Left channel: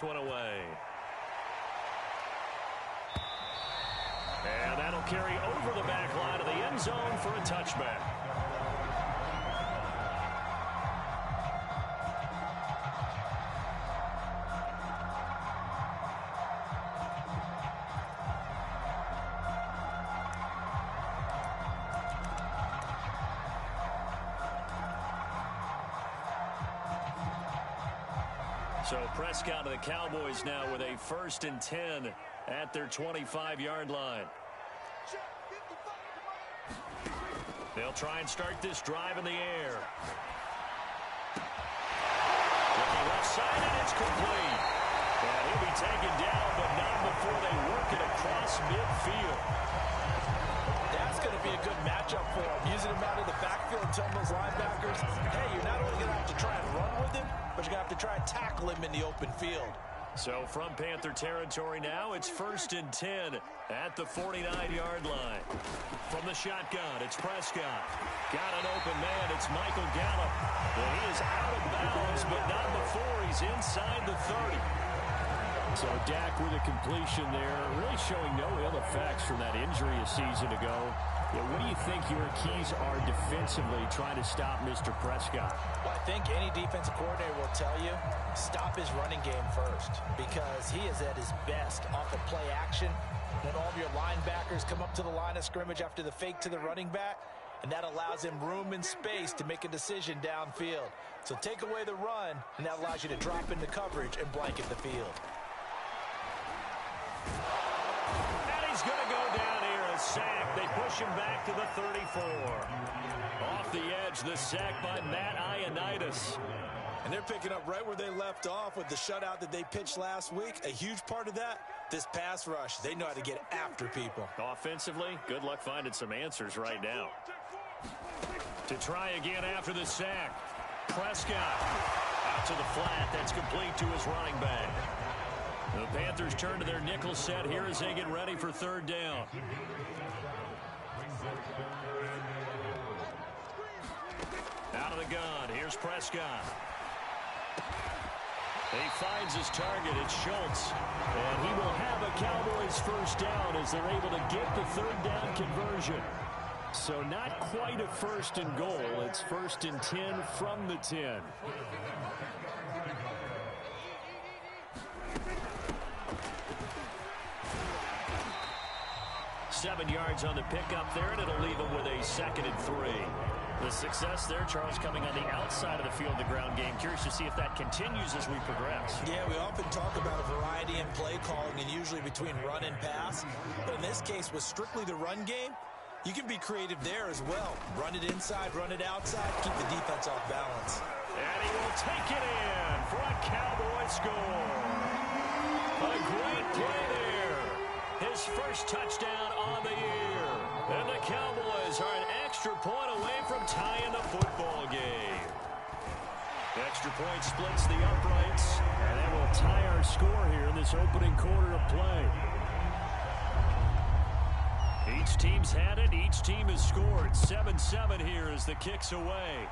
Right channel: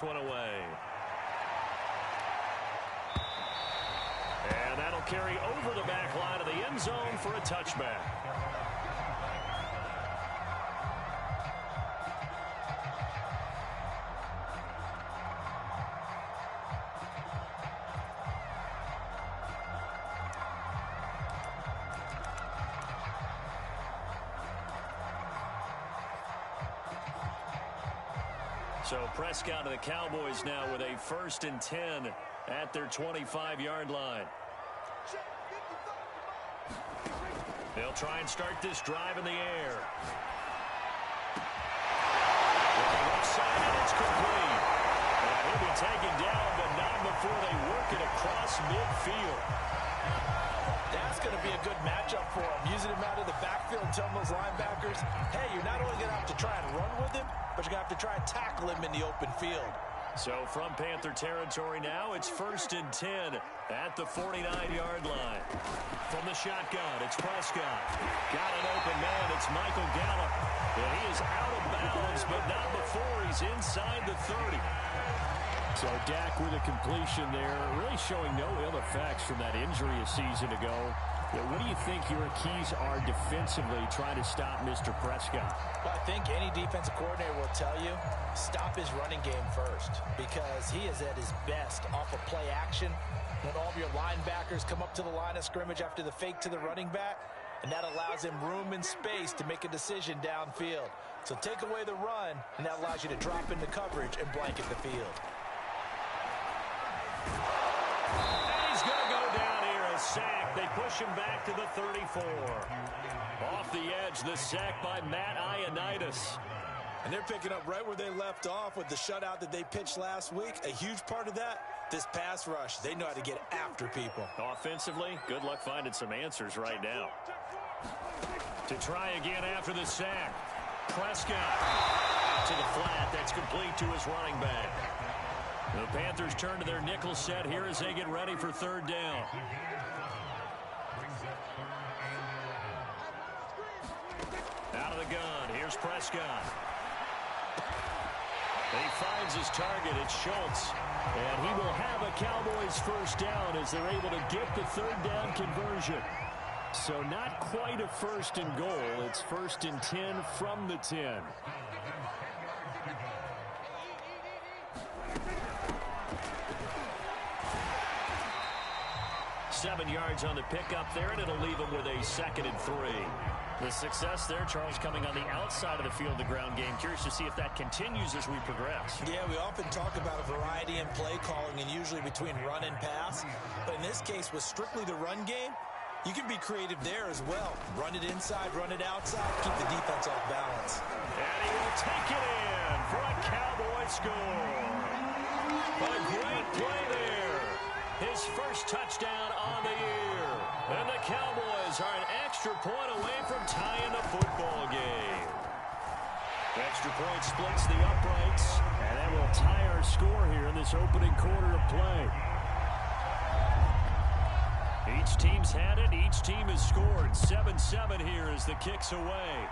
One away. And that'll carry over the back line of the end zone for a touchback. So Prescott of the Cowboys now with a 1st and 10 at their 25-yard line. They'll try and start this drive in the air. Looking left side, and it's complete. And he'll be taken down, but not before they work it across midfield. That's going to be a good matchup for him. Using him out of the backfield and telling those linebackers, hey, you're not only going to have to try and run with him, but you're going to have to try and tackle him in the open field. So from Panther territory now, it's 1st and 10 at the 49-yard line. From the shotgun, it's Prescott. Got an open man. It's Michael Gallup. And he is out of bounds, but not before he's inside the 30. So Dak with a completion there, really showing no ill effects from that injury a season ago. Yeah, what do you think your keys are defensively trying to stop Mr. Prescott? Well, I think any defensive coordinator will tell you, stop his running game first, because he is at his best off of play action when all of your linebackers come up to the line of scrimmage after the fake to the running back, and that allows him room and space to make a decision downfield. So take away the run, and that allows you to drop into coverage and blanket the field. And he's going to go down here, a sack. They push him back to the 34. Off the edge, the sack by Matt Ioannidis. And they're picking up right where they left off with the shutout that they pitched last week. A huge part of that, this pass rush. They know how to get after people. Offensively, good luck finding some answers right now. To try again after the sack. Prescott out to the flat. That's complete to his running back. The Panthers turn to their nickel set here as they get ready for 3rd down. Out of the gun, here's Prescott. He finds his target, it's Schultz. And he will have a Cowboys 1st down as they're able to get the 3rd down conversion. So not quite a 1st and goal, it's 1st and 10 from the 10. Seven yards on the pickup there, and it'll leave him with a 2nd and 3. The success there, Charles, coming on the outside of the field, the ground game. Curious to see if that continues as we progress. Yeah, we often talk about a variety in play calling and usually between run and pass. But in this case, with strictly the run game, you can be creative there as well. Run it inside, run it outside, keep the defense off balance. And he will take it in for a Cowboy score. A great play there. His 1st touchdown on the year. And the Cowboys are an extra point away from tying the football game. The extra point splits the uprights. And that will tie our score here in this opening quarter of play. Each team's had it. Each team has scored. 7-7 here as the kick's away.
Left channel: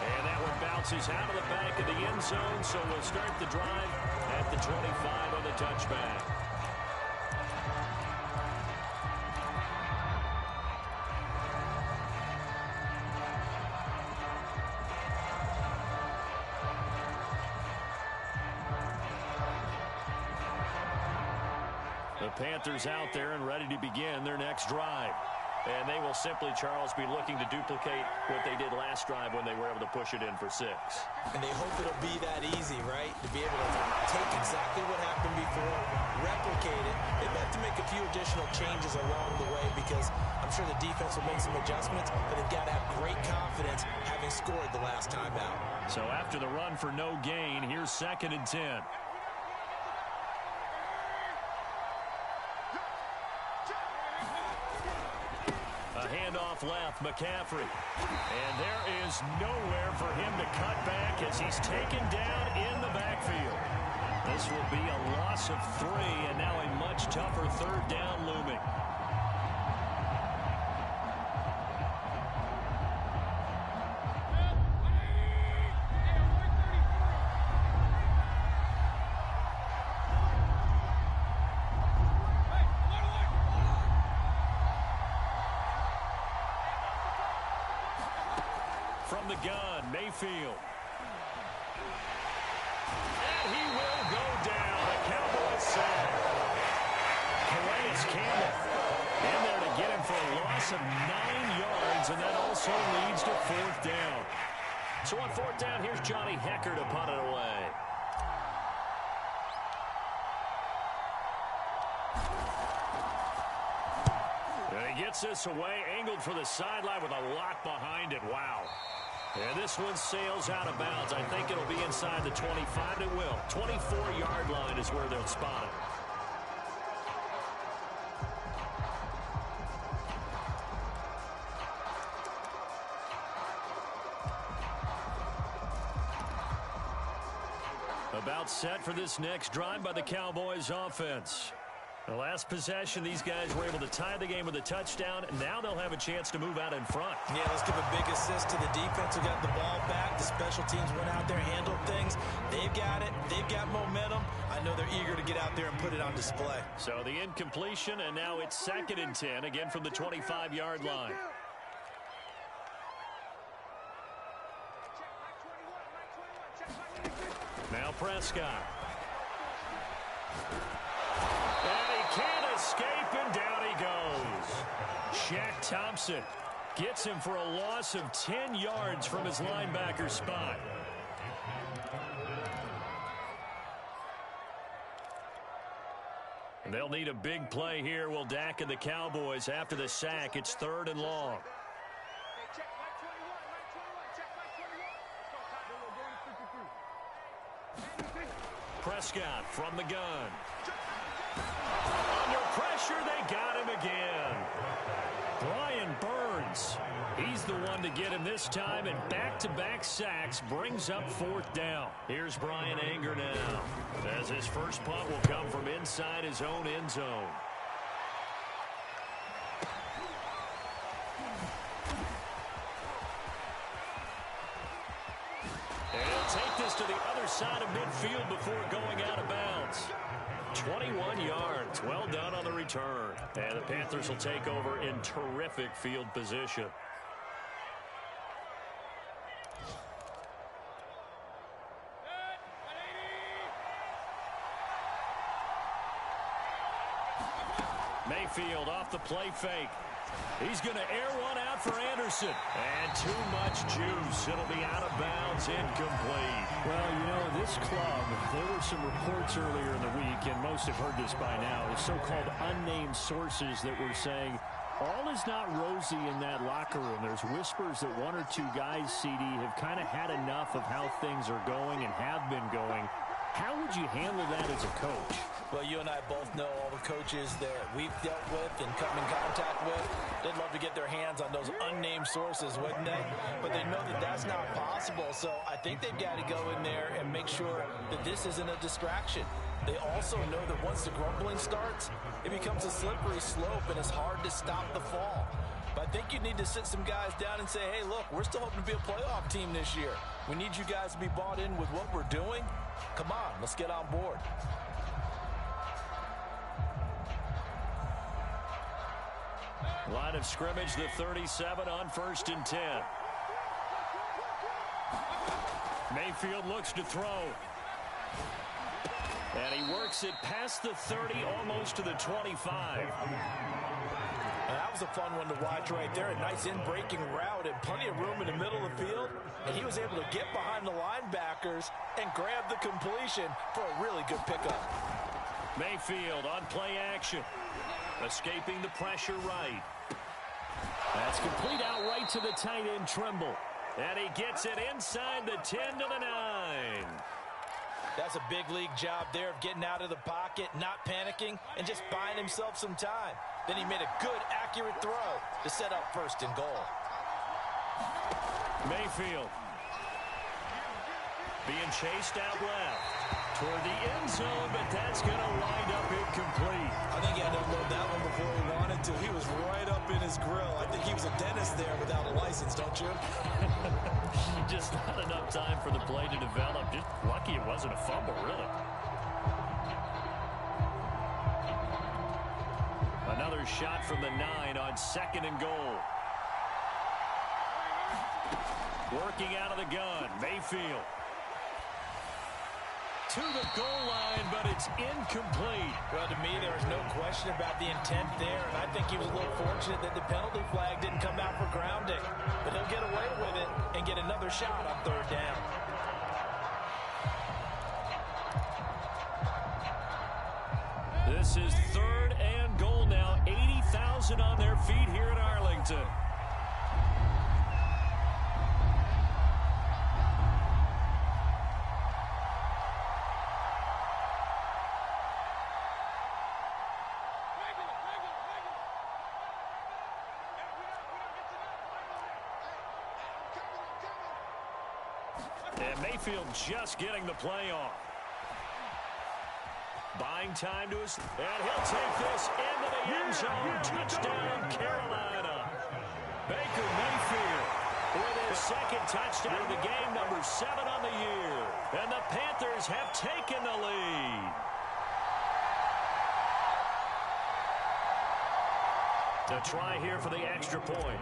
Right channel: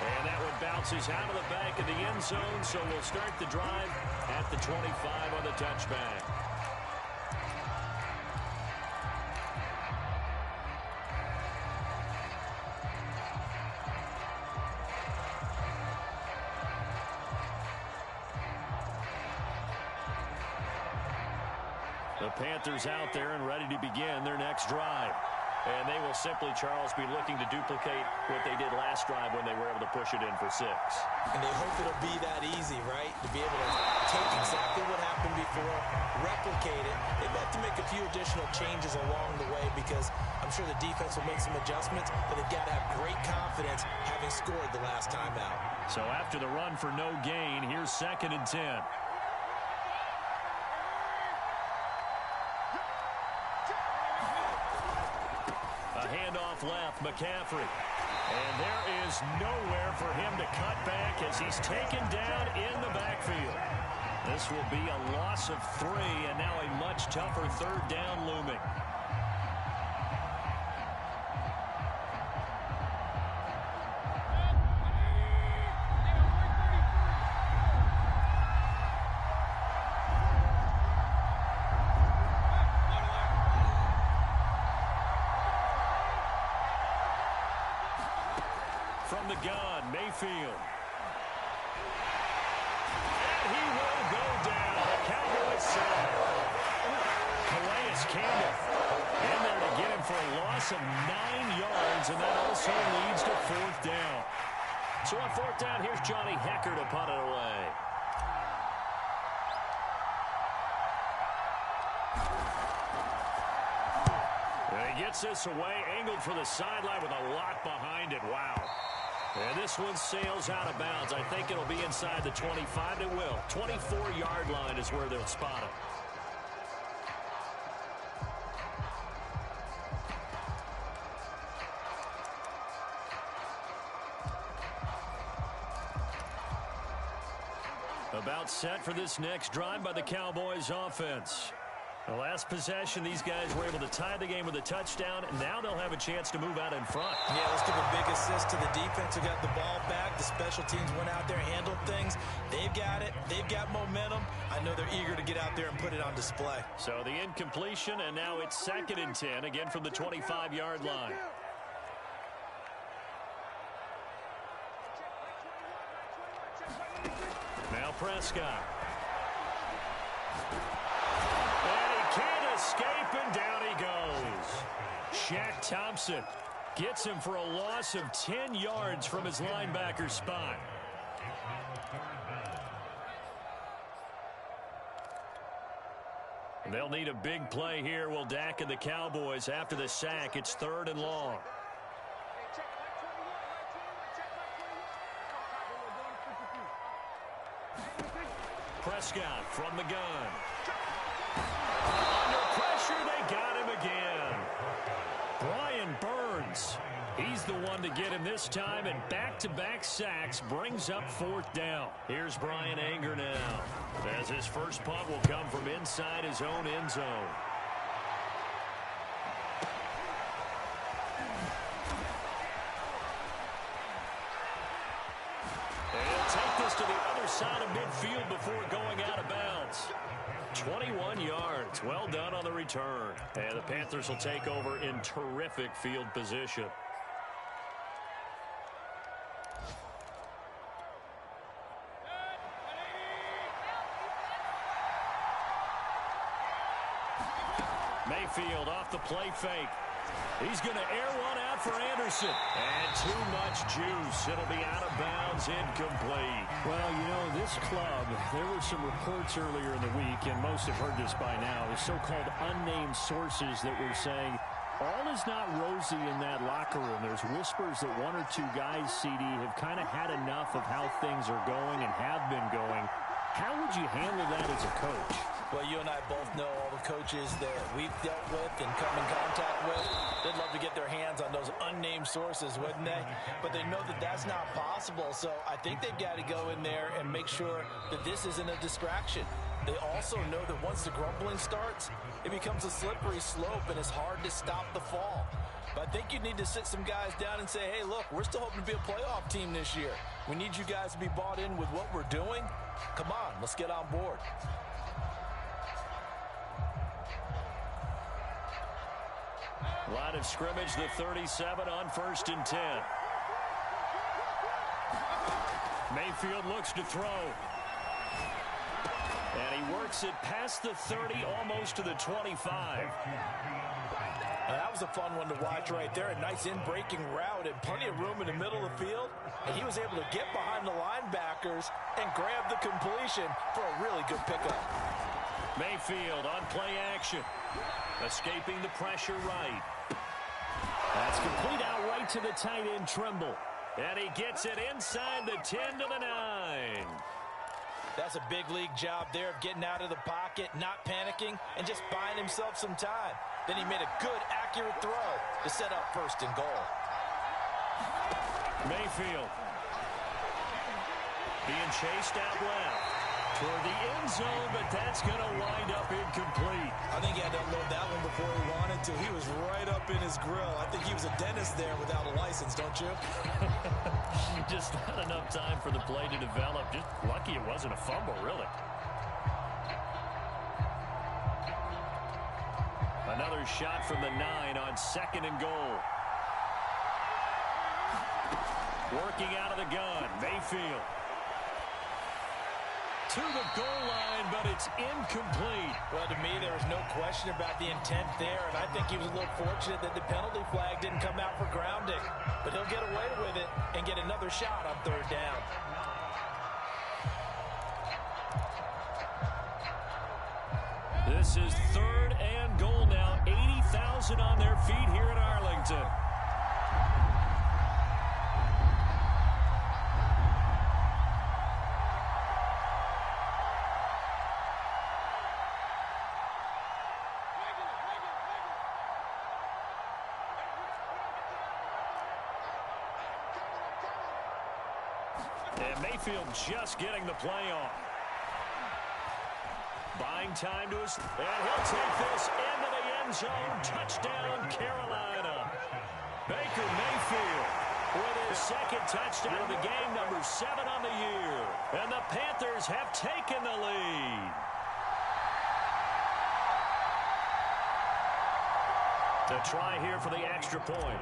And that one bounces out of the back of the end zone, so we'll start the drive at the 25 on the touchback. The Panthers out there and ready to begin their next drive. And they will simply, Charles, be looking to duplicate what they did last drive when they were able to push it in for 6. And they hope it'll be that easy, right? To be able to take exactly what happened before, replicate it. They may have to make a few additional changes along the way because I'm sure the defense will make some adjustments, but they've got to have great confidence having scored the last time out. So after the run for no gain, here's 2nd and 10. Handoff left, McCaffrey. And there is nowhere for him to cut back as he's taken down in the backfield. This will be a loss of 3, and now a much tougher 3rd down looming. from the gun, Mayfield. And he will go down. A Cowboys sack. Calais Campbell in there to get him for a loss of 9 yards, and that also leads to 4th down. So on 4th down, here's Johnny Hecker to punt it away. And he gets this away, angled for the sideline with a lot behind it. Wow. And this one sails out of bounds. I think it'll be inside the 25. It will. 24-yard line is where they'll spot it. About set for this next drive by the Cowboys offense. The last possession, these guys were able to tie the game with a touchdown, and now they'll have a chance to move out in front. Yeah, let's give a big assist to the defense who got the ball back. The special teams went out there, handled things. They've got it. They've got momentum. I know they're eager to get out there and put it on display. So the incompletion, and now it's 2nd and 10, again from the 25-yard line. Now Prescott. And he can't escape, and down he goes. Shaq Thompson gets him for a loss of 10 yards from his linebacker spot. They'll need a big play here. Will Dak and the Cowboys after the sack. It's 3rd and long. Prescott from the gun. Under pressure, they got him again. Brian Burns, he's the one to get him this time, and back-to-back sacks brings up 4th down. Here's Brian Anger now, as his first punt will come from inside his own end zone. And he'll take this to the other side of midfield before going out of bounds. 21 yards. Well done on the return. And the Panthers will take over in terrific field position. Mayfield off the play fake. He's going to air one out for Anderson. And too much juice. It'll be out of bounds, incomplete. Well, you know, this club, there were some reports earlier in the week, and most have heard this by now, the so-called unnamed sources that were saying all is not rosy in that locker room. There's whispers that 1 or 2 guys, CD, have kind of had enough of how things are going and have been going. How would you handle that as a coach? Well, you and I both know all the coaches that we've dealt with and come in contact with. They'd love to get their hands on those unnamed sources, wouldn't they? But they know that that's not possible. So I think they've got to go in there and make sure that this isn't a distraction. They also know that once the grumbling starts, it becomes a slippery slope and it's hard to stop the fall. But I think you need to sit some guys down and say, hey, look, we're still hoping to be a playoff team this year. We need you guys to be bought in with what we're doing. Come on, let's get on board. Line of scrimmage, the 37 on 1st and 10. Mayfield looks to throw. And he works it past the 30, almost to the 25. And that was a fun one to watch right there. A nice in-breaking route and plenty of room in the middle of the field. And he was able to get behind the linebackers and grab the completion for a really good pickup. Mayfield on play action. Escaping the pressure right. That's complete out right to the tight end, Trimble. And he gets it inside the 10 to the 9. That's a big league job there of getting out of the pocket, not panicking, and just buying himself some time. Then he made a good, accurate throw to set up 1st and goal. Mayfield being chased out left toward the end zone, but that's going to wind up incomplete. I think he had to unload that one before he wanted to. He was right up in his grill. I think he was a dentist there without a license, don't you? Just not enough time for the play to develop. Just lucky it wasn't a fumble, really. Another shot from the 9 on 2nd and goal. Working out of the gun, Mayfield. To the goal line, but it's incomplete. Well, to me, there was no question about the intent there, and I think he was a little fortunate that the penalty flag didn't come out for grounding. But he'll get away with it and get another shot on third down. This is 3rd and goal now. 80,000 on their feet here in Arlington. And Mayfield just getting the play on. Buying time to us, and he'll take this into the end zone. Touchdown, Carolina. Baker Mayfield with his second touchdown of the game, number 7 on the year. And the Panthers have taken the lead. To try here for the extra point.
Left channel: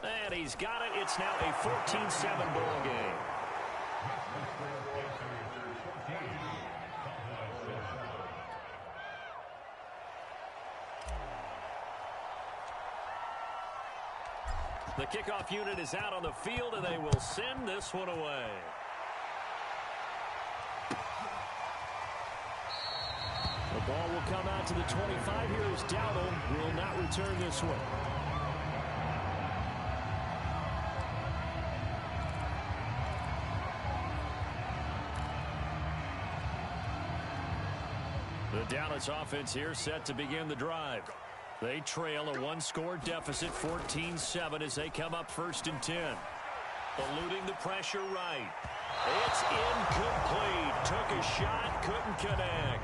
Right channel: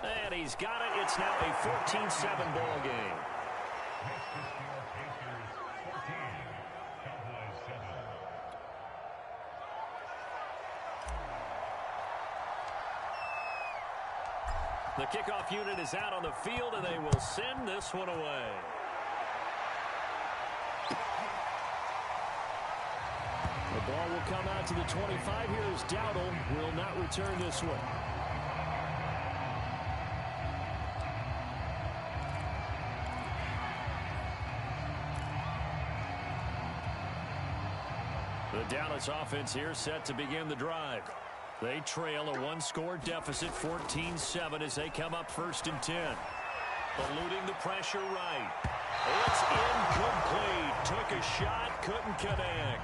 And he's got it. It's now a 14-7 ball game. The kickoff unit is out on the field, and they will send this one away. The ball will come out to the 25. Here is Dowdle. Will not return this one. The Dallas offense here set to begin the drive. They trail a one-score deficit, 14-7, as they come up 1st and 10. Eluding the pressure right. It's incomplete. Took a shot, couldn't connect.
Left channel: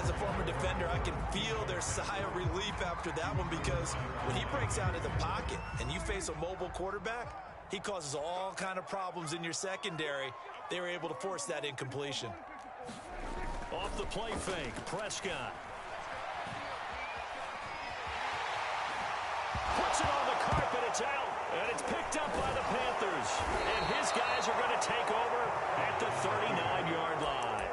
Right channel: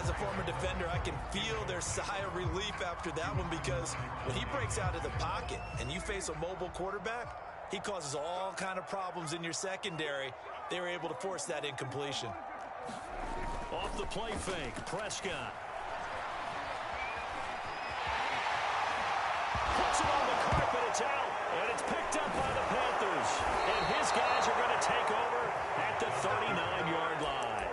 As a former defender, I can feel their sigh of relief after that one, because when he breaks out of the pocket and you face a mobile quarterback, he causes all kind of problems in your secondary. They were able to force that incompletion. Off the play fake, Prescott. Puts it on the carpet, it's out, and it's picked up by the Panthers. And his guys are going to take over at the 39-yard line.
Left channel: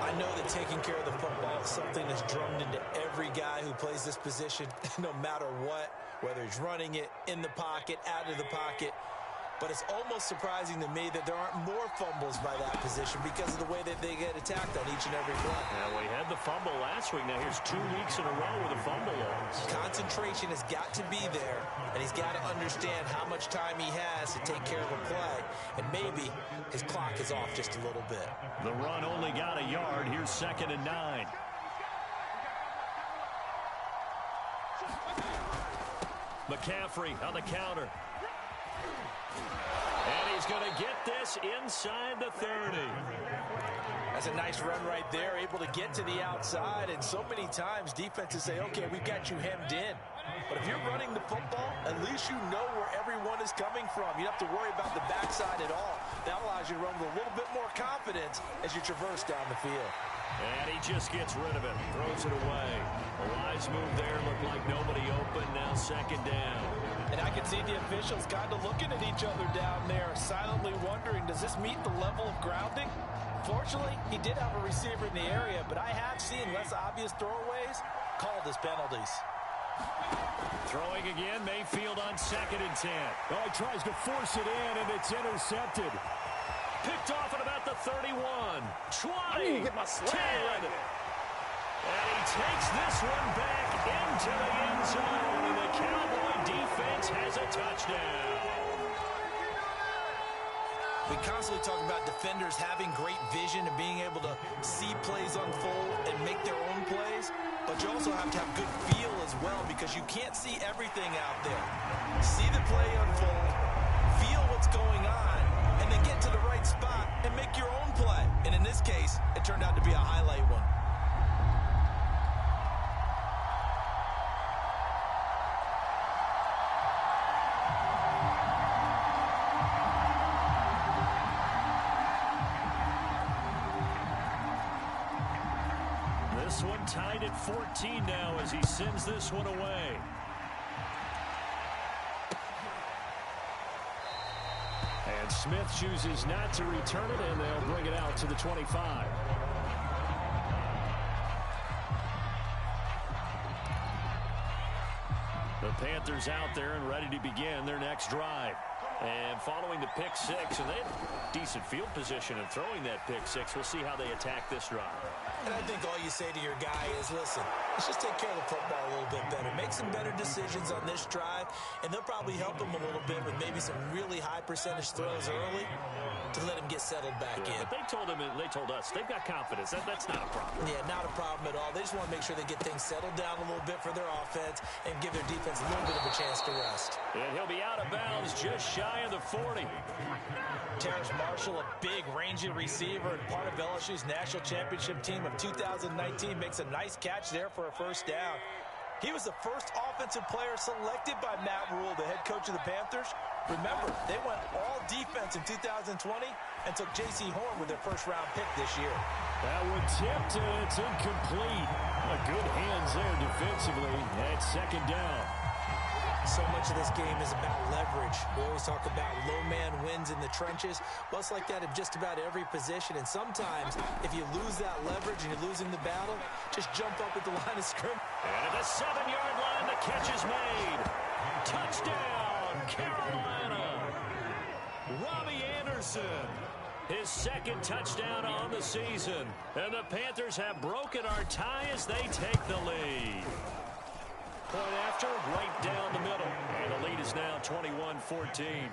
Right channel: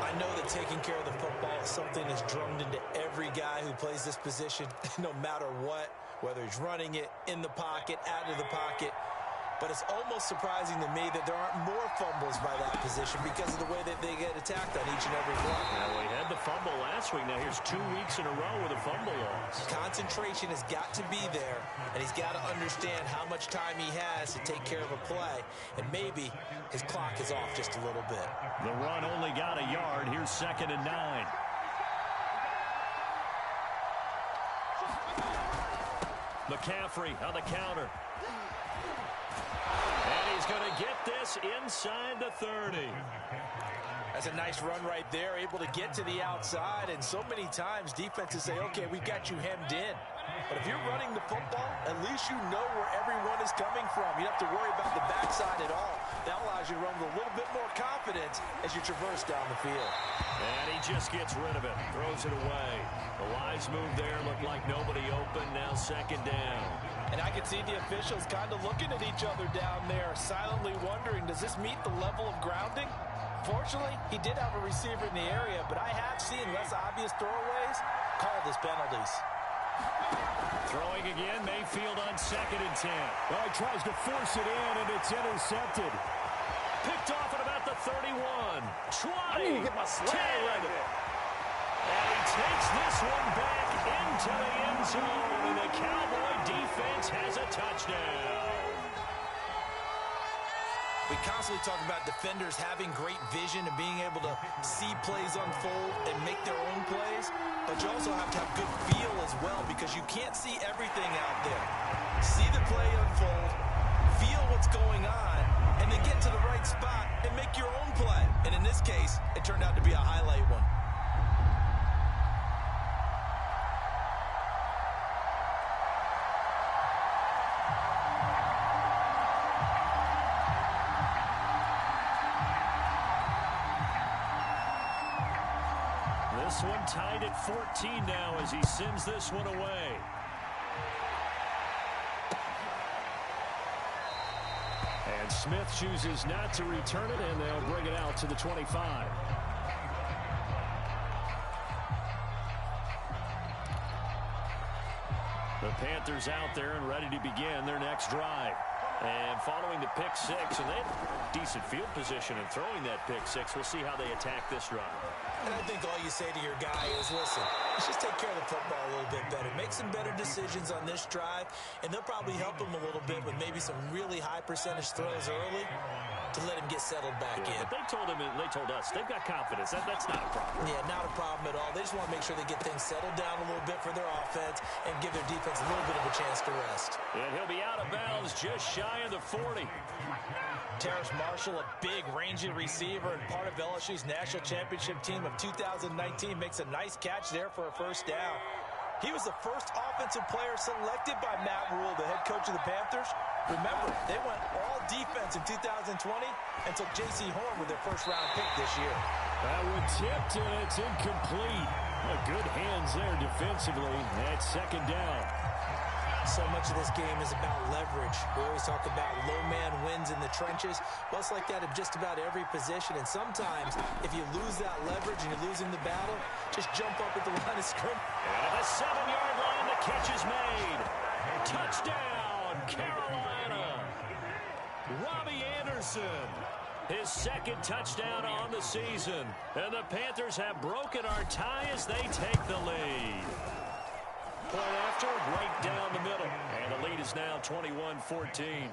I know that taking care of the football is something that's drummed into every guy who plays this position, no matter what, whether he's running it, in the pocket, out of the pocket. But it's almost surprising to me that there aren't more fumbles by that position because of the way that they get attacked on each and every play. Now, we had the fumble last week. Now, here's 2 weeks in a row with a fumble loss. Concentration has got to be there, and he's got to understand how much time he has to take care of a play. And maybe his clock is off just a little bit. The run only got a yard. Here's 2nd and 9. McCaffrey on the counter. And he's going to get this inside the 30. That's a nice run right there, able to get to the outside. And so many times defenses say, okay, we've got you hemmed in. But if you're running the football, at least you know where everyone is coming from. You don't have to worry about the backside at all. That allows you to run with a little bit more confidence as you traverse down the field. And he just gets rid of it, throws it away. A wise move there, looked like nobody open, now 2nd down. And I can see the officials kind of looking at each other down there, silently wondering, does this meet the level of grounding? Fortunately, he did have a receiver in the area, but I have seen less obvious throwaways called as penalties. Throwing again, Mayfield on 2nd and 10. Oh, he tries to force it in, and it's intercepted. Picked off at about the 31. 20. I need to get my swag right there. And he takes this one back into the end zone, and the Cowboy defense has a touchdown. We constantly talk about defenders having great vision and being able to see plays unfold and make their own plays, but you also have to have good feel as well, because you can't see everything out there. See the play unfold, feel what's going on, and then get to the right spot and make your own play. And in this case, it turned out to be a highlight one. This one tied at 14 now as he sends this one away. And Smith chooses not to return it, and they'll bring it out to the 25. The Panthers out there and ready to begin their next drive. And following the pick six, and they had decent field position in throwing that pick six. We'll see how they attack this drive. And I think all you say to your guy is, listen, let's just take care of the football a little bit better. Make some better decisions on this drive, and they'll probably help him a little bit with maybe some really high percentage throws early to let him get settled back in. But they told him, and they told us, they've got confidence. That's not a problem. Yeah, not a problem at all. They just want to make sure they get things settled down a little bit for their offense and give their defense a little bit of a chance to rest. And he'll be out of bounds just shy of the 40. Terrace Marshall, a big, rangy receiver and part of LSU's national championship team of 2019, makes a nice catch there for a first down. He was the first offensive player selected by Matt Rule, the head coach of the Panthers. Remember, they went all defense in 2020 and took J.C. Horn with their first-round pick this year. That one tipped, and it's incomplete. Good hands there defensively at second down. So much of this game is about leverage. We always talk about low man wins in the trenches. Well, it's like that in just about every position. And sometimes, if you lose that leverage and you're losing the battle, just jump up at the line of scrimmage. And at the 7-yard line, the catch is made. Touchdown, Carolina. Robbie Anderson, his second touchdown on the season. And the Panthers have broken our tie as they take the lead. Point after, right down the middle. And the lead is now 21-14.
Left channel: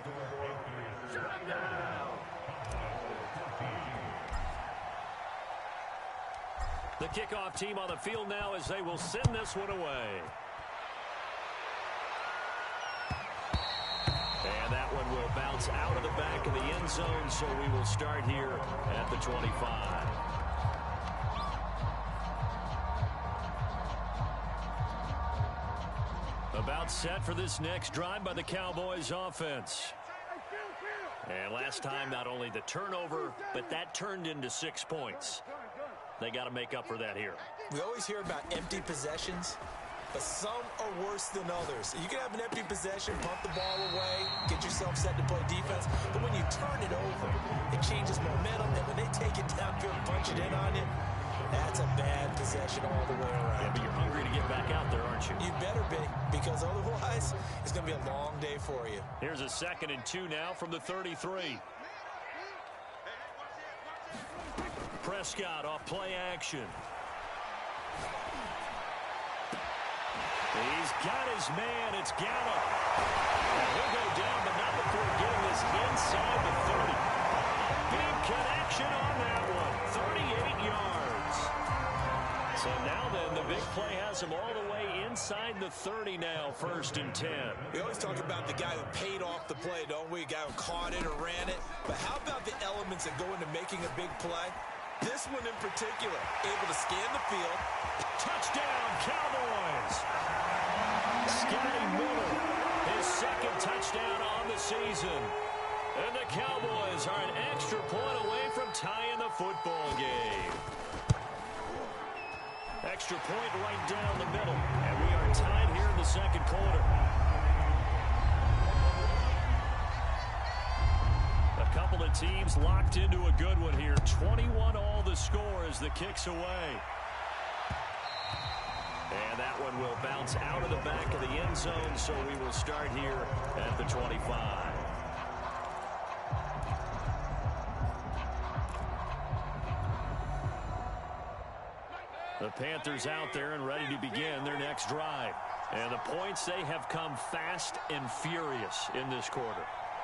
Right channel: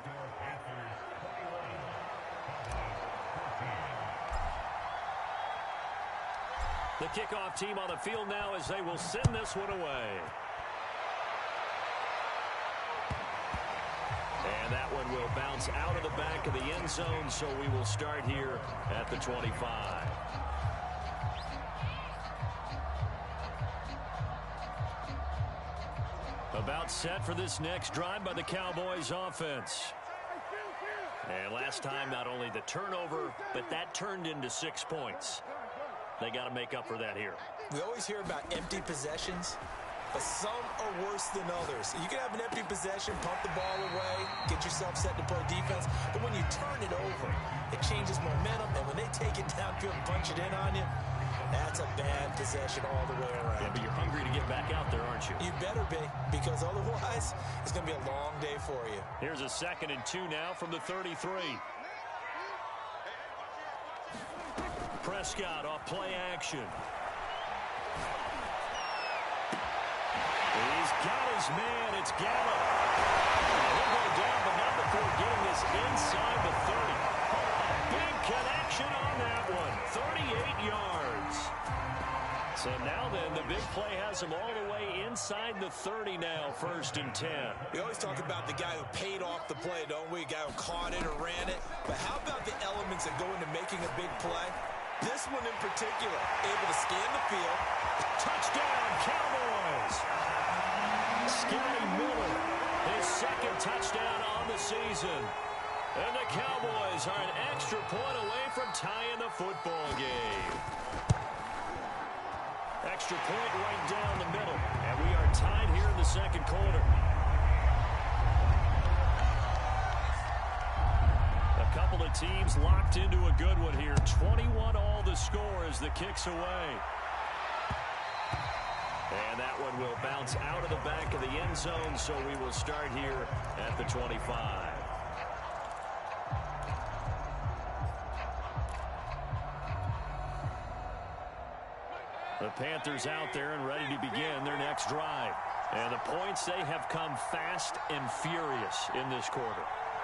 The kickoff team on the field now as they will send this one away. And that one will bounce out of the back of the end zone, so we will start here at the 25. About set for this next drive by the Cowboys offense. And last time, not only the turnover, but that turned into 6 points. They got to make up for that here. We always hear about empty possessions, but some are worse than others. You can have an empty possession, pump the ball away, get yourself set to play defense, but when you turn it over, it changes momentum, and when they take it downfield and punch it in on you, that's a bad possession all the way around. Yeah, but you're hungry to get back out there, aren't you? You better be, because otherwise, it's going to be a long day for you. Here's a 2nd and 2 now from the 33. Prescott off play action. He's got his man. It's Gallup. And he'll go down, but not before getting this inside the 30. A big connection on that one. 38 yards. So now then, the big play has him all the way inside the 30 now, 1st and 10. We always talk about the guy who paid off the play, don't we? A guy who caught it or ran it. But how about the elements that go into making a big play? This one in particular, able to scan the field. Touchdown, Cowboys! Scotty Miller, his 2nd touchdown on the season. And the Cowboys are an extra point away from tying the football game. Extra point right down the middle. And we are tied here in the 2nd quarter. A couple of teams locked into a good one here. 21 all the score as the kick's away. And that one will bounce out of the back of the end zone, so we will start here at the 25. The Panthers out there and ready to begin their next drive. And the points, they have come fast and furious in this quarter.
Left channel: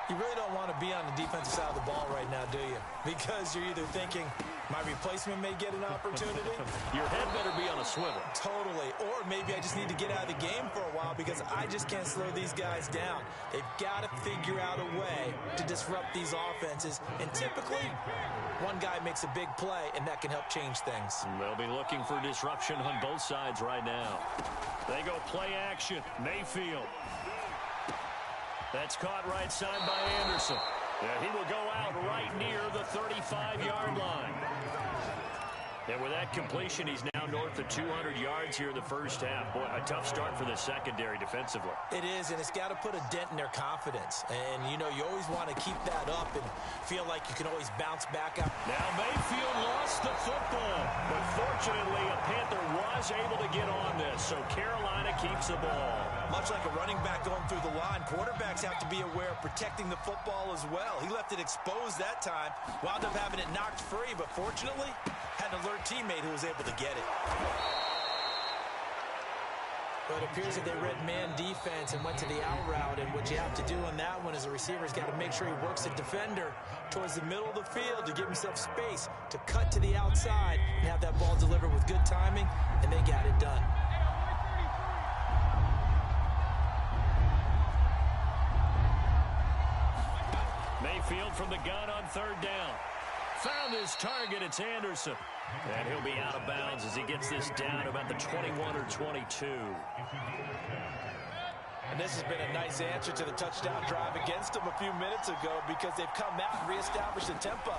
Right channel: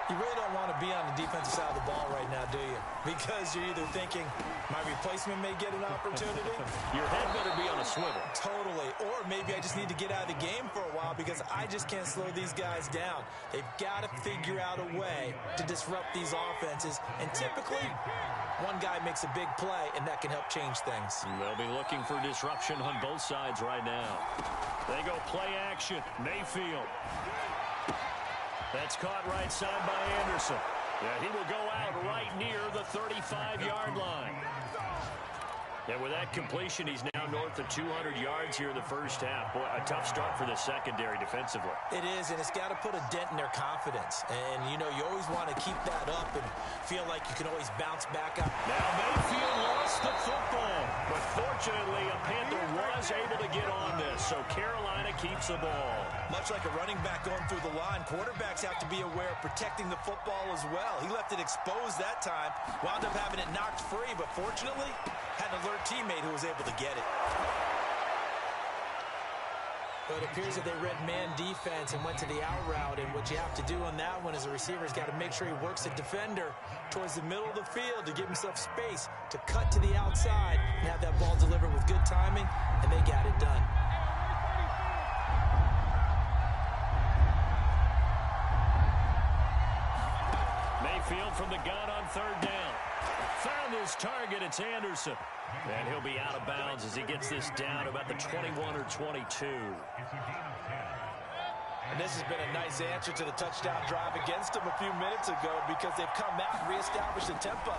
You really don't want to be on the defensive side of the ball right now, do you? Because you're either thinking, my replacement may get an opportunity. Your head better be on a swivel. Totally. Or maybe I just need to get out of the game for a while because I just can't slow these guys down. They've got to figure out a way to disrupt these offenses. And typically, one guy makes a big play, and that can help change things. They'll be looking for disruption on both sides right now. They go play action. Mayfield. That's caught right side by Anderson. Yeah, he will go out right near the 35-yard line. And with that completion, he's now north of 200 yards here in the first half. Boy, a tough start for the secondary defensively. It is, and it's got to put a dent in their confidence. And, you know, you always want to keep that up and feel like you can always bounce back up. Now Mayfield lost the football. But fortunately, a Panther was able to get on this, so Carolina keeps the ball. Much like a running back going through the line, quarterbacks have to be aware of protecting the football as well. He left it exposed that time, wound up having it knocked free, but fortunately, had an alert teammate who was able to get it. But it appears that they read man defense and went to the out route, and what you have to do on that one is the receiver's got to make sure he works the defender towards the middle of the field to give himself space to cut to the outside and have that ball delivered with good timing, and they got it done. Mayfield from the gun on third down. Found his target. It's Anderson. And he'll be out of bounds as he gets this down about the 21 or 22. And this has been a nice answer to the touchdown drive against them a few minutes ago because they've come out and reestablished the tempo.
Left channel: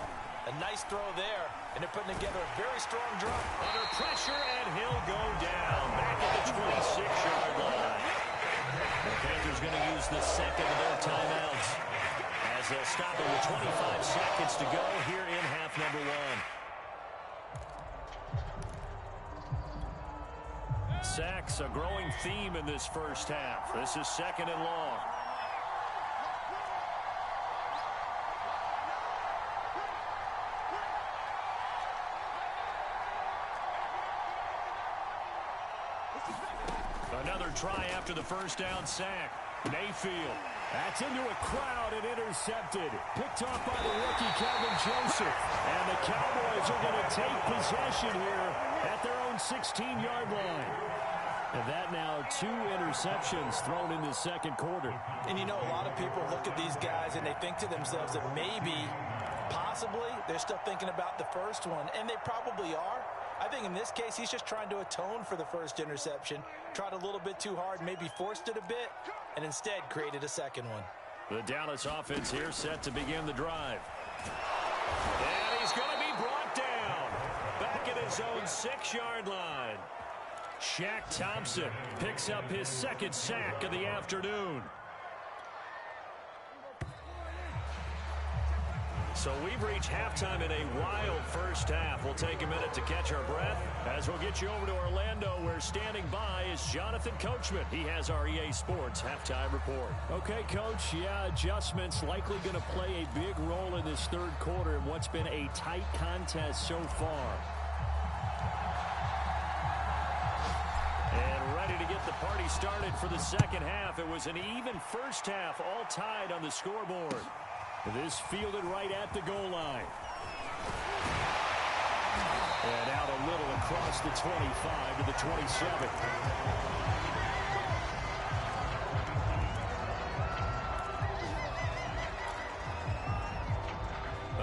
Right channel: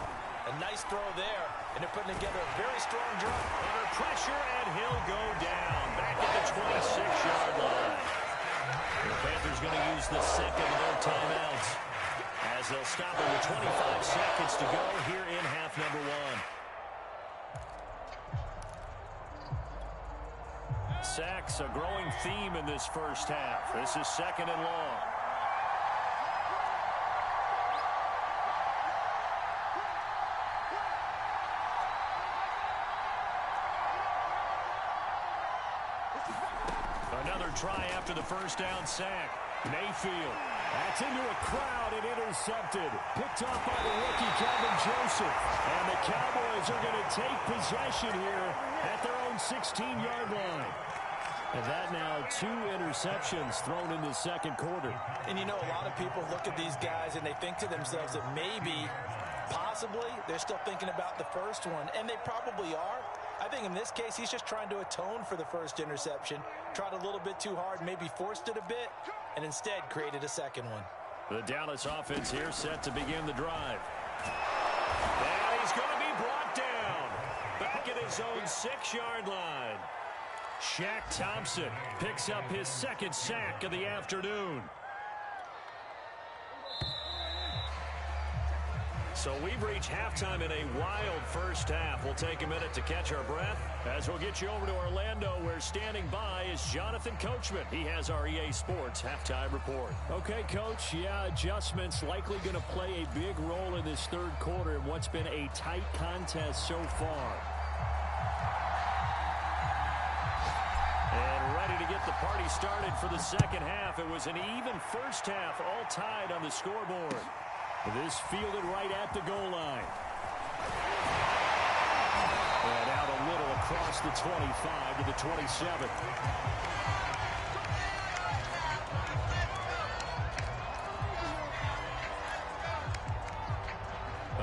A nice throw there, and they're putting together a very strong drive. Under pressure, and he'll go down back at the 26-yard line. The Panthers going to use the second of their timeouts as they'll stop it with 25 seconds to go here in half number one. Sacks, a growing theme in this first half. This is second and long. Another try after the first down sack. Mayfield. That's into a crowd and intercepted. Picked off by the rookie, Calvin Joseph. And the Cowboys are going to take possession here at their own 16-yard line. And that now 2 interceptions thrown in the second quarter. And you know, a lot of people look at these guys and they think to themselves that maybe, possibly, they're still thinking about the first one. And they probably are. I think in this case, he's just trying to atone for the first interception. Tried a little bit too hard, maybe forced it a bit, and instead created a second one. The Dallas offense here set to begin the drive. And he's going to be brought down. Back at his own 6-yard line. Shaq Thompson picks up his second sack of the afternoon. So we've reached halftime in a wild first half. We'll take a minute to catch our breath as we'll get you over to Orlando, where standing by is Jonathan Coachman. He has our EA Sports halftime report. Okay, Coach. Yeah, adjustments likely going to play a big role in this third quarter in what's been a tight contest so far. And ready to get the party started for the second half. It was an even first half, all tied on the scoreboard. This fielded right at the goal line. And out a little across the 25 to the 27.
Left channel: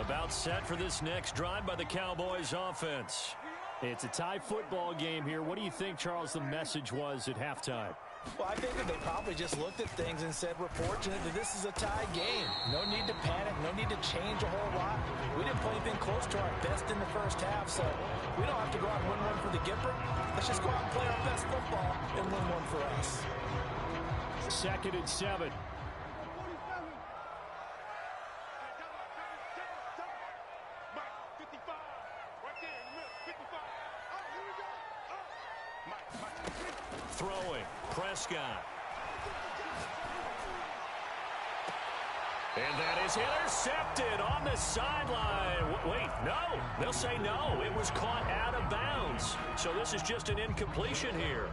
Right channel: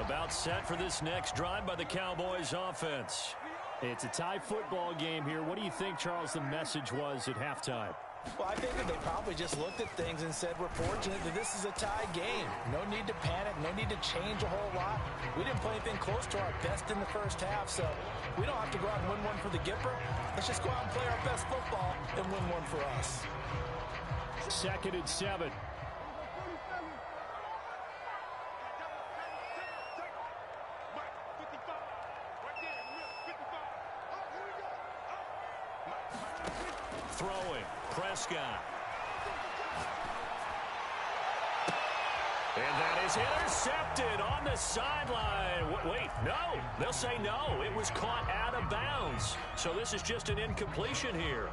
About set for this next drive by the Cowboys offense. It's a tie football game here. What do you think, Charles, the message was at halftime? Well, I think that they probably just looked at things and said, we're fortunate that this is a tie game. No need to panic. No need to change a whole lot. We didn't play anything close to our best in the first half, so we don't have to go out and win one for the Gipper. Let's just go out and play our best football and win one for us. 2nd and 7. Throwing, Prescott. And that is intercepted on the sideline. Wait, no. They'll say no. It was caught out of bounds. So this is just an incompletion here.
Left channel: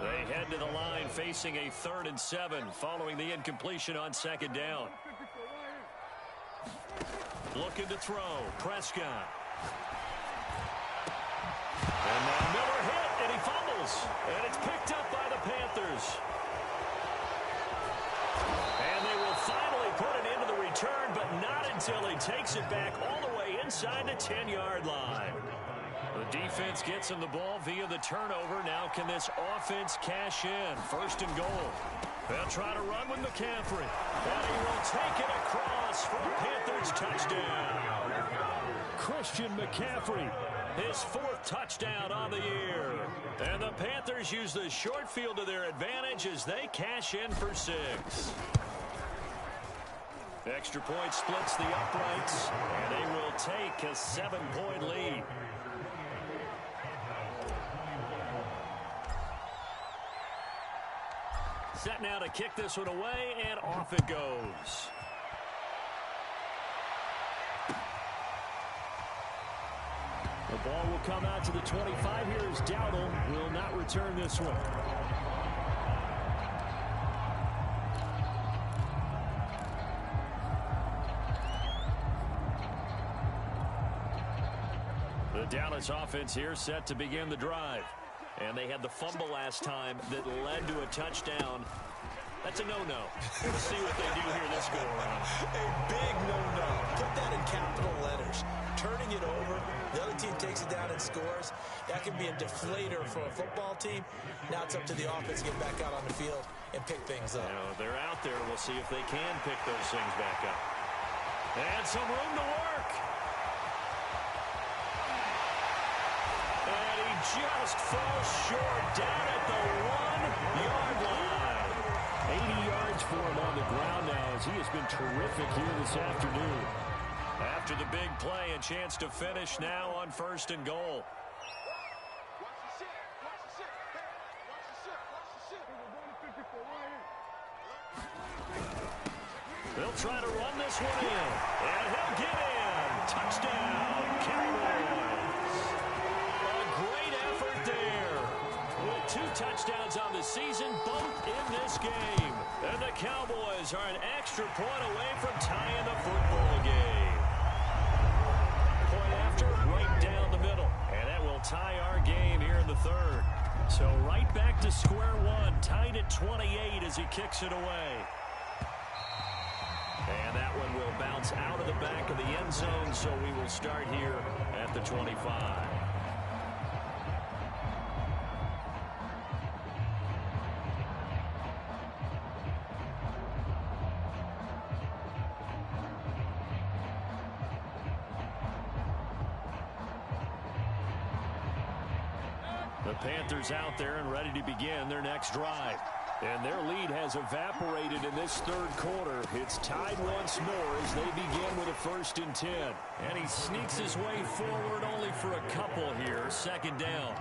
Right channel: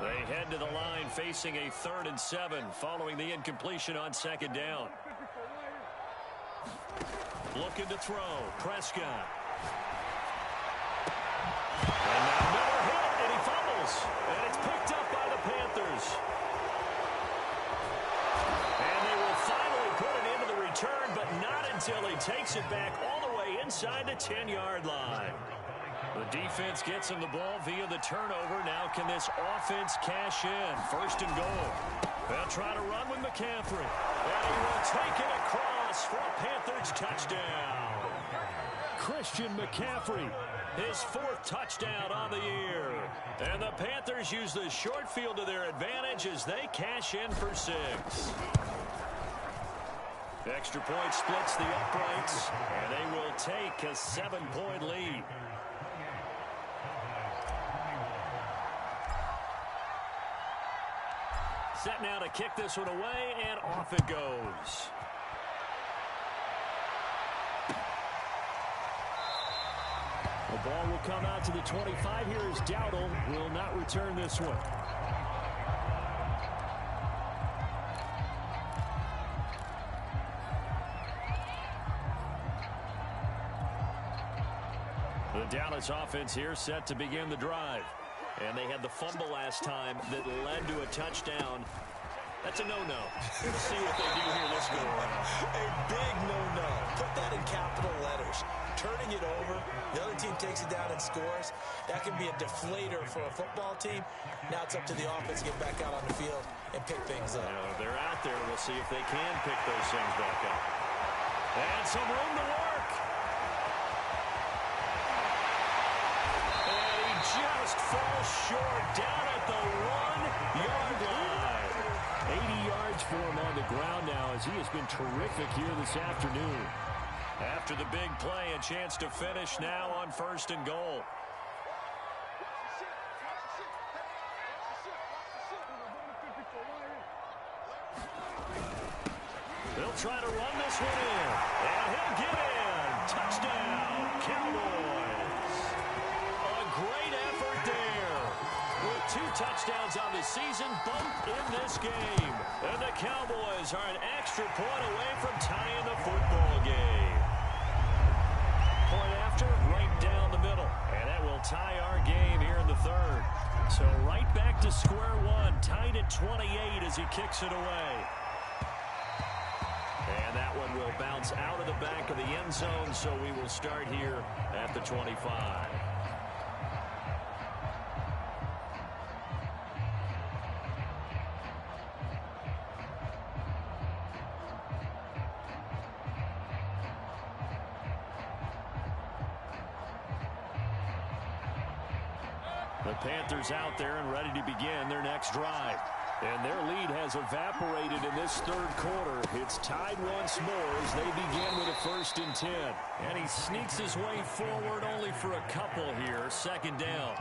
They head to the line facing a 3rd and 7 following the incompletion on 2nd down. Looking to throw, Prescott. And now Miller hit, and he fumbles. And it's picked up by the Panthers. And they will finally put it into the return, but not until he takes it back all the way inside the 10-yard line. The defense gets him the ball via the turnover. Now can this offense cash in? 1st and goal. They'll try to run with McCaffrey. And he will take it across for a Panthers touchdown. Christian McCaffrey. His 4th touchdown on the year. And the Panthers use the short field to their advantage as they cash in for 6. Extra point splits the uprights, and they will take a 7-point lead. Set now to kick this one away, and off it goes. The ball will come out to the 25 here as Dowdle will not return this one. The Dallas offense here set to begin the drive. And they had the fumble last time that led to a touchdown. That's a no-no. We'll see what they do here this go-around. A big no-no. Put that in capital letters. Turning it over, the other team takes it down and scores. That can be a deflator for a football team. Now it's up to the offense to get back out on the field and pick things up. You know, they're out there. We'll see if they can pick those things back up. And some room to work. And he just falls short down at the 1-yard line. 80 yards for him on the ground now as he has been terrific here this afternoon. After the big play, a chance to finish now on 1st and goal. They'll try to run this one in, and he'll get in. Touchdown, Cowboys. A great effort there. With 2 touchdowns on the season, both in this game. And the Cowboys are an extra point away from tying the football game. Point after, right down the middle. And that will tie our game here in the 3rd. So right back to square one, tied at 28 as he kicks it away. And that one will bounce out of the back of the end zone, so we will start here at the 25. The Panthers out there and ready to begin their next drive. And their lead has evaporated in this 3rd quarter. It's tied once more as they begin with a 1st and 10. And he sneaks his way forward only for a couple here. 2nd down.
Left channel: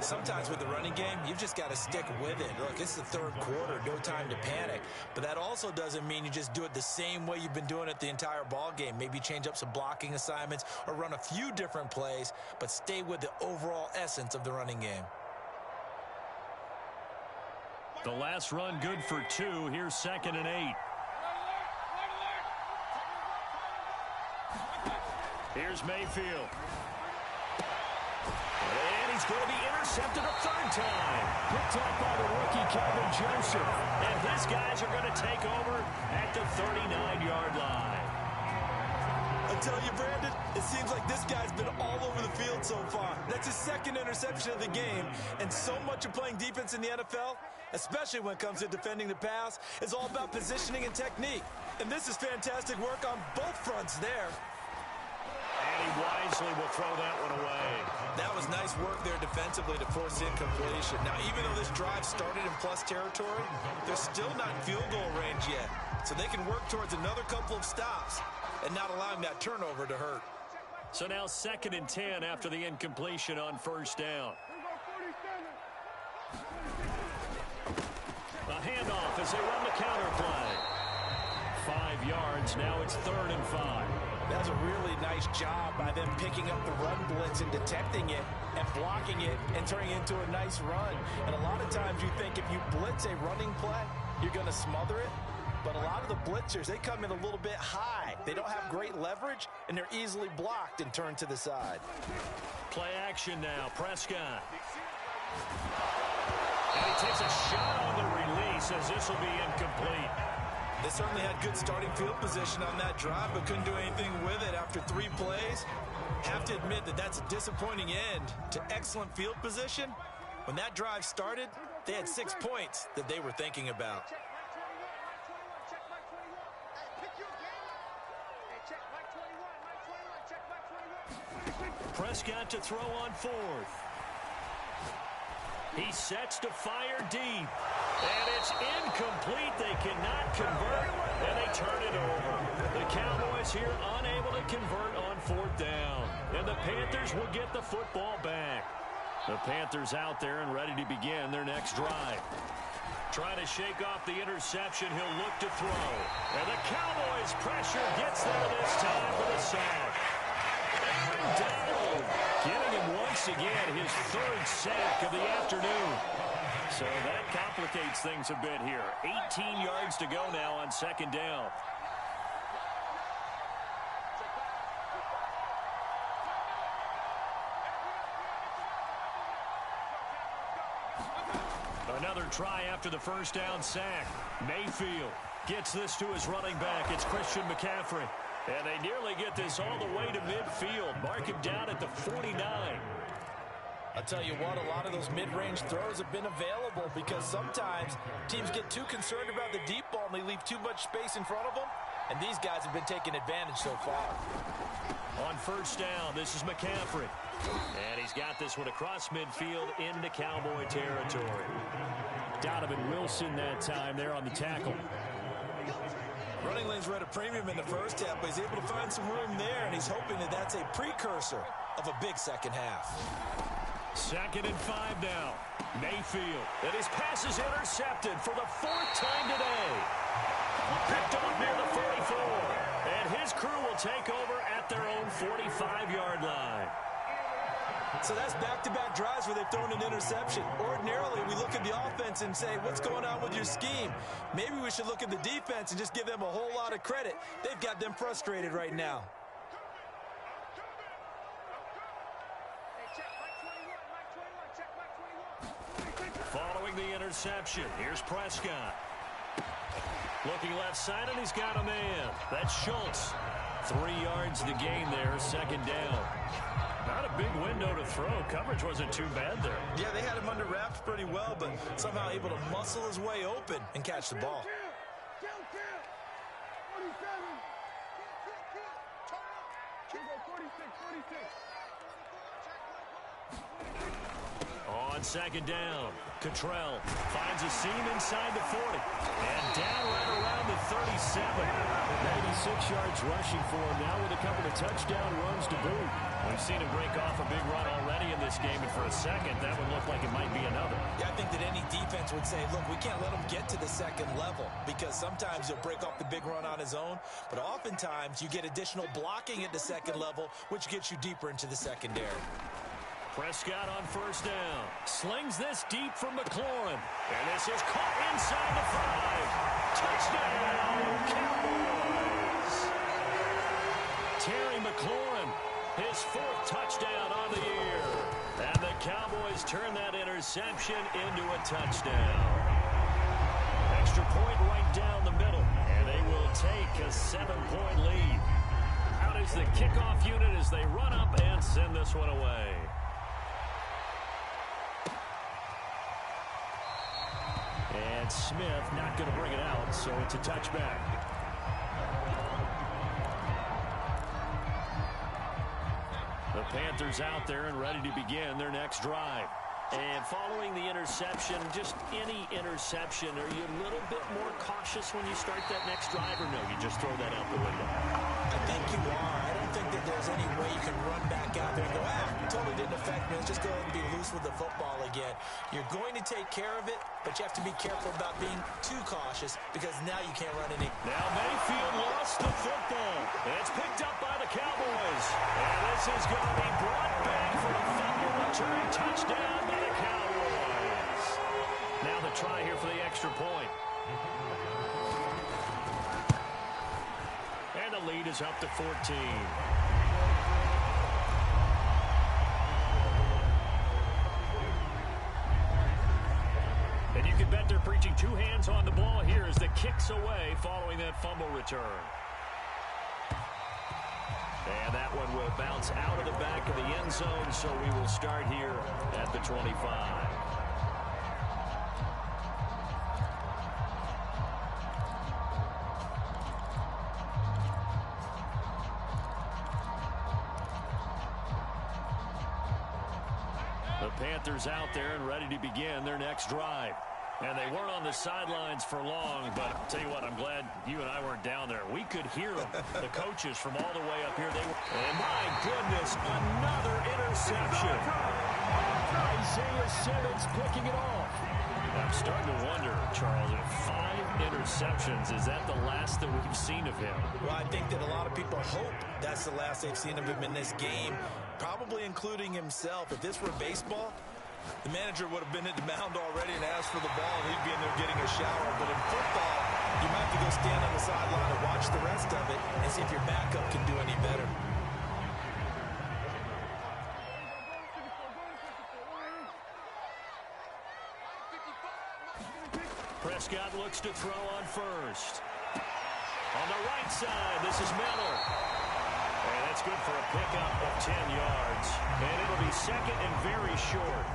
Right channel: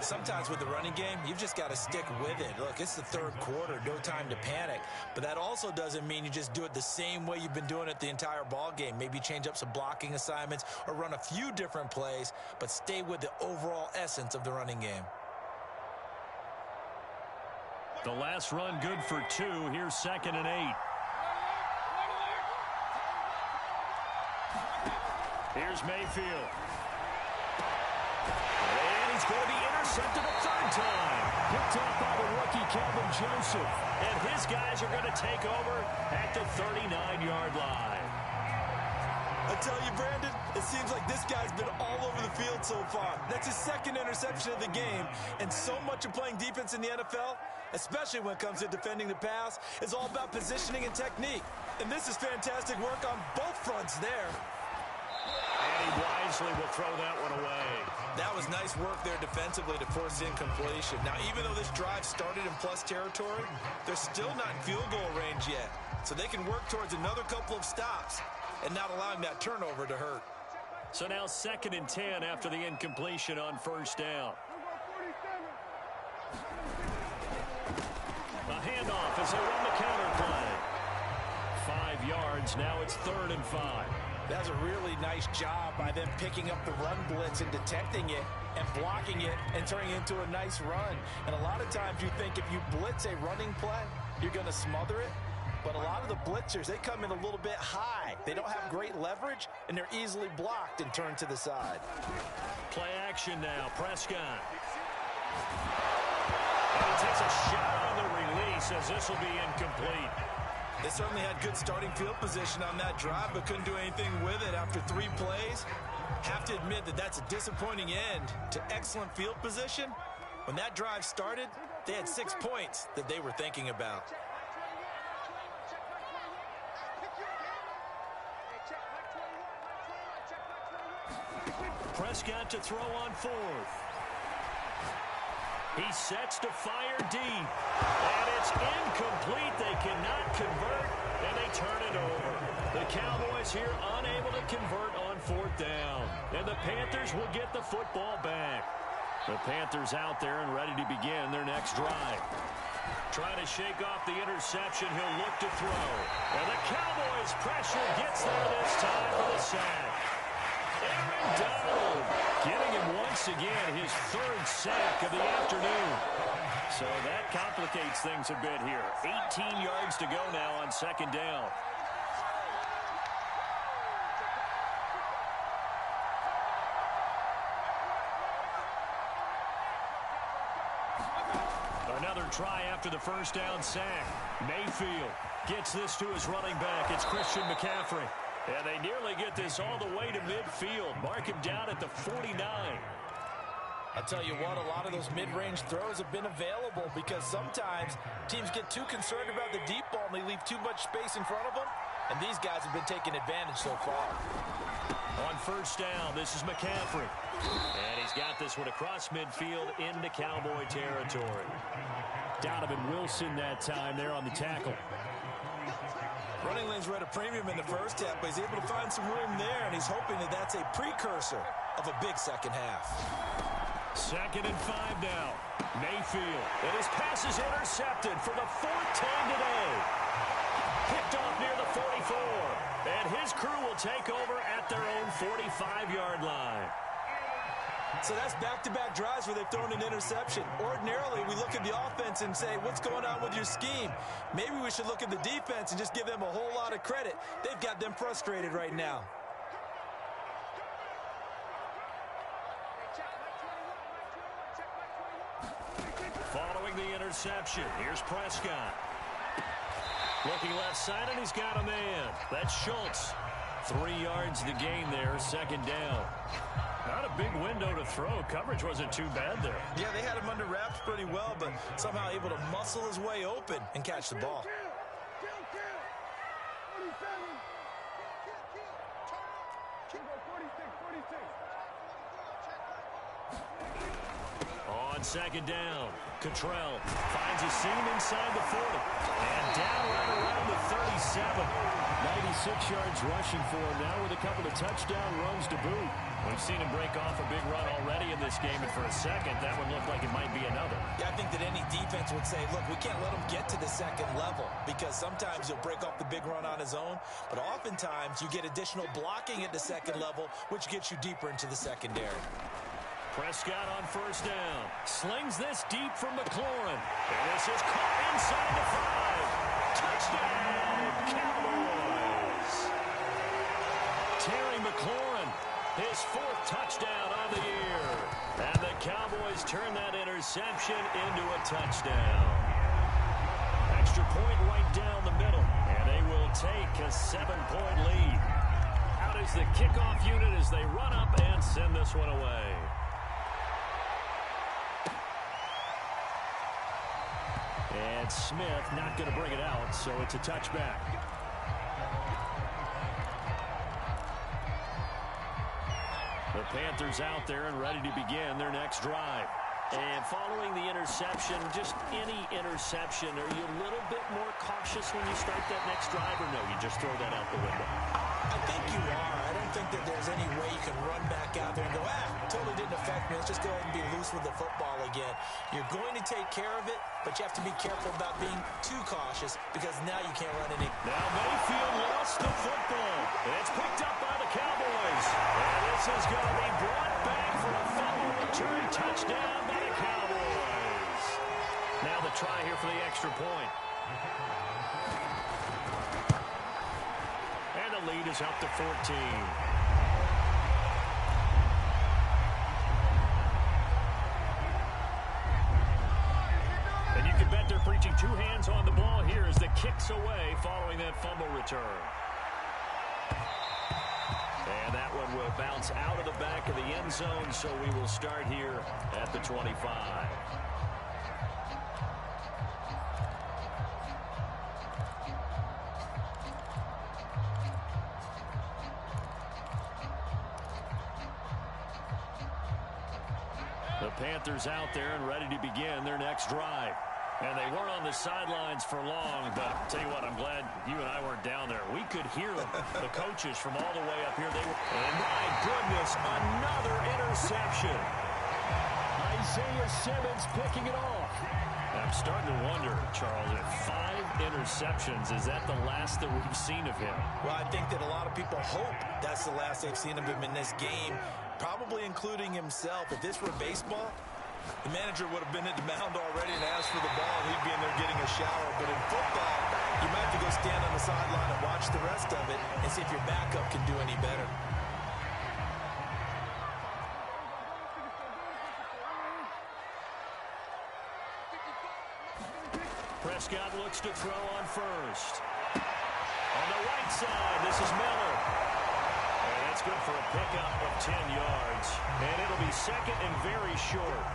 Sometimes with the running game, you've just got to stick with it. Look, it's the 3rd quarter, no time to panic. But that also doesn't mean you just do it the same way you've been doing it the entire ball game. Maybe change up some blocking assignments or run a few different plays, but stay with the overall essence of the running game. The last run good for 2. Here's 2nd and 8. Here's Mayfield. And he's going to be intercepted a 3rd time. Picked off by the rookie, Calvin Joseph. And his guys are going to take over at the 39-yard line. I tell you, Brandon, it seems like this guy's been all over the field so far. That's his 2nd interception of the game. And so much of playing defense in the NFL, especially when it comes to defending the pass, is all about positioning and technique. And this is fantastic work on both fronts there. And he wisely will throw that one away. That was nice work there defensively to force incompletion. Now, even though this drive started in plus territory, they're still not in field goal range yet. So they can work towards another couple of stops and not allowing that turnover to hurt. So now 2nd and 10 after the incompletion on 1st down. A handoff as they run the counter play. 5 yards, now it's 3rd and 5. That was a really nice job by them picking up the run blitz and detecting it and blocking it and turning it into a nice run. And a lot of times you think if you blitz a running play, you're going to smother it. But a lot of the blitzers, they come in a little bit high. They don't have great leverage, and they're easily blocked and turned to the side. Play action now, Prescott. And he takes a shot on the release as this will be incomplete. They certainly had good starting field position on that drive, but couldn't do anything with it after 3 plays. Have to admit that that's a disappointing end to excellent field position. When that drive started, they had 6 points that they were thinking about. Prescott to throw on fourth. He sets to fire deep. And it's incomplete. They cannot convert, and they turn it over. The Cowboys here unable to convert on fourth down. And the Panthers will get the football back. The Panthers out there and ready to begin their next drive. Trying to shake off the interception. He'll look to throw. And the Cowboys' pressure gets there this time for the sack. Aaron Donald getting him once again his third sack of the afternoon. So that complicates things a bit here. 18 yards to go now on second down. Another try after the first down sack. Mayfield gets this to his running back. It's Christian McCaffrey. And they nearly get this all the way to midfield. Mark him down at the 49. I'll tell you what, a lot of those mid-range throws have been available because sometimes teams get too concerned about the deep ball and they leave too much space in front of them. And these guys have been taking advantage so far. On first down, this is McCaffrey. And he's got this one across midfield into Cowboy territory. Donovan Wilson that time there on the tackle. Running lanes were at a premium in the first half, but he's able to find some room there, and he's hoping that that's a precursor of a big second half. 2nd and 5 now. Mayfield. And his pass is intercepted for the 4th time today. Picked off near the 44. And his crew will take over at their own 45-yard line. So that's back-to-back drives where they've thrown an interception. Ordinarily, we look at the offense and say, what's going on with your scheme? Maybe we should look at the defense and just give them a whole lot of credit. They've got them frustrated right now. Following the interception, here's Prescott. Looking left side, and he's got a man. That's Schultz. 3 yards to gain there, 2nd down. Not a big window to throw. Coverage wasn't too bad there. Yeah, they had him under wraps pretty well, but somehow able to muscle his way open and catch the ball. On 2nd down, Cottrell finds a seam inside the 40. And down right around the 37. 96 yards rushing for him now with a couple of touchdown runs to boot. We've seen him break off a big run already in this game, and for a second, that would look like it might be another. Yeah, I think that any defense would say, look, we can't let him get to the second level because sometimes he'll break off the big run on his own, but oftentimes you get additional blocking at the second level, which gets you deeper into the secondary. Prescott on first down. Slings this deep from McLaurin. And this is caught inside the 5. Touchdown, Cowboys. Terry McLaurin, his 4th touchdown on the year. And the Cowboys turn that interception into a touchdown. Extra point right down the middle. And they will take a 7-point lead. Out is the kickoff unit as they run up and send this one away. And Smith not going to bring it out, so it's a touchback. The Panthers out there and ready to begin their next drive. And following the interception, just any interception, are you a little bit more cautious when you start that next drive, or no, you just throw that out the window? I think you are. I don't think that there's any way you can run back out there and go, totally didn't affect me. Let's just go ahead and be loose with the football again. You're going to take care of it, but you have to be careful about being too cautious because now you can't run any. Now Mayfield lost the football. And it's picked up by the Cowboys. And this is going to be brought back for a fumble return touchdown by the Cowboys. Now the try here for the extra point. And the lead is up to 14. And you can bet they're preaching 2 hands on the ball here as the kick's away following that fumble return. And that one will bounce out of the back of the end zone, so we will start here at the 25. The Panthers out there and ready to begin their next drive. And they weren't on the sidelines for long, but I'll tell you what, I'm glad you and I weren't down there. We could hear them, the coaches from all the way up here. And my goodness, another interception. Isaiah Simmons picking it off. I'm starting to wonder, Charles, if 5 interceptions, is that the last that we've seen of him? Well, I think that a lot of people hope that's the last they've seen of him in this game, probably including himself. If this were baseball, the manager would have been at the mound already and asked for the ball, and he'd be in there getting a shower. But in football, you might have to go stand on the sideline and watch the rest of it and see if your backup can do any better. Prescott looks to throw on first. On the right side, this is Miller. And that's good for a pickup of 10 yards. And it'll be second and very short.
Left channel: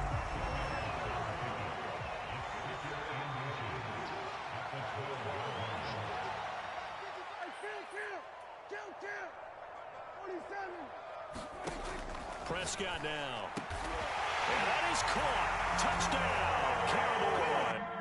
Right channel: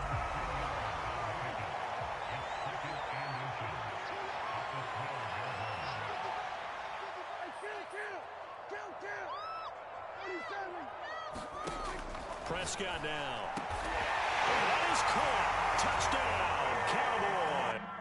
Prescott now. And that is caught. Touchdown, Cowboy.